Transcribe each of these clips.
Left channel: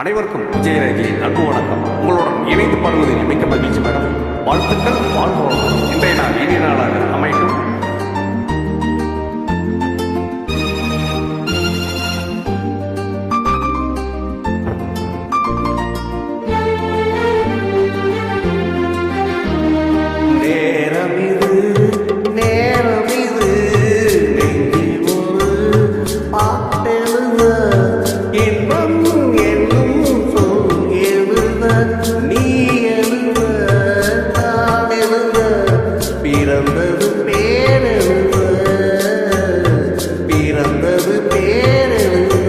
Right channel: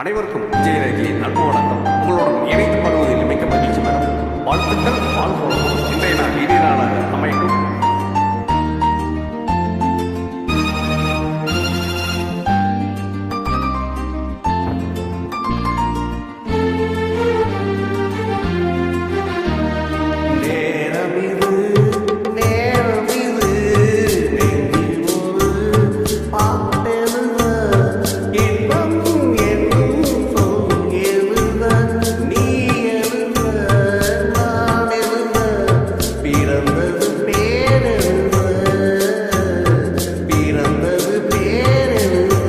அனைவருக்கும் விஜயரேகையின் அன்பு வணக்கம். உங்களுடன் இணைந்து பாடுவதில் மிக்க மகிழ்ச்சி மேடம். வாழ்த்துக்கள், வாழ்க வளமுடன். இன்றைய நாள் இனிய நாளாக அமையட்டும். நேரம் இது நெஞ்சில் ஒரு பாட்டெழுத இன்பம் என்னும் சொல் எழுத நீ எழுத நான் எழுத பிறந்தது பேரெழுத பிறந்தது பேரெழுத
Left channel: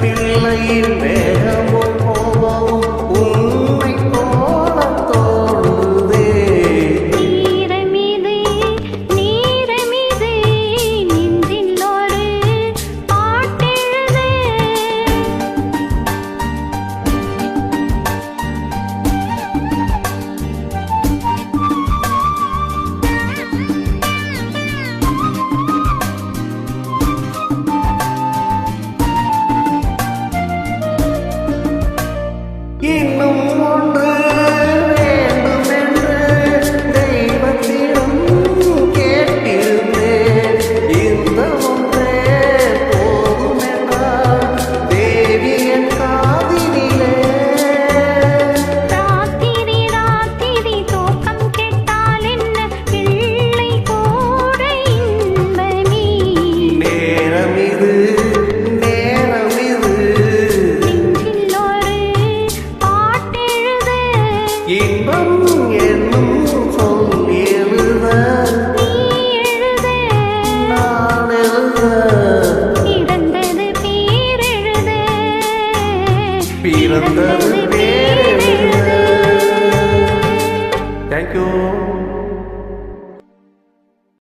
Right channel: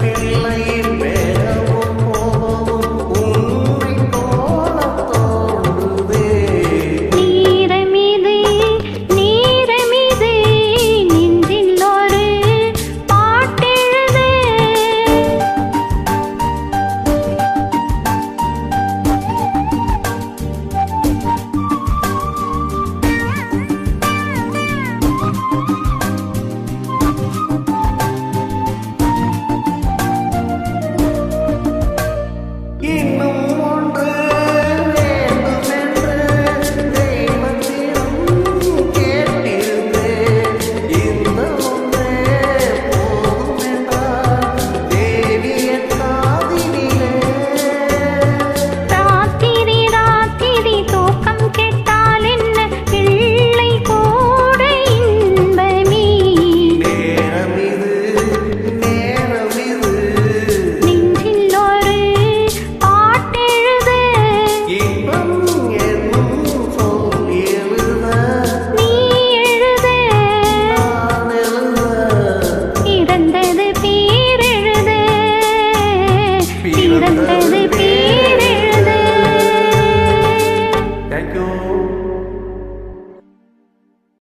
பிள்ளையின் வேகமும் கோபமும் உண்மை போல தோன்றுதே. நீரமிது நெஞ்சில் ஒரு பாட்டெழுது. இன்னும் ஒன்று வேண்டுமென்று தெய்வத்திடம் கேட்டிருந்தேன். இந்த ஒன்றே போதும் என்றார் தேவி என் காதினிலே. ராத்திரி தூக்கம் கெட்டால் என்ன பிள்ளை கூட இன்பமே. நேரம் இது இன்பம் என்னும் சொல் எழுத நீ எழுத நான் எழுத பிறந்தது பேரெழுத பிறந்தது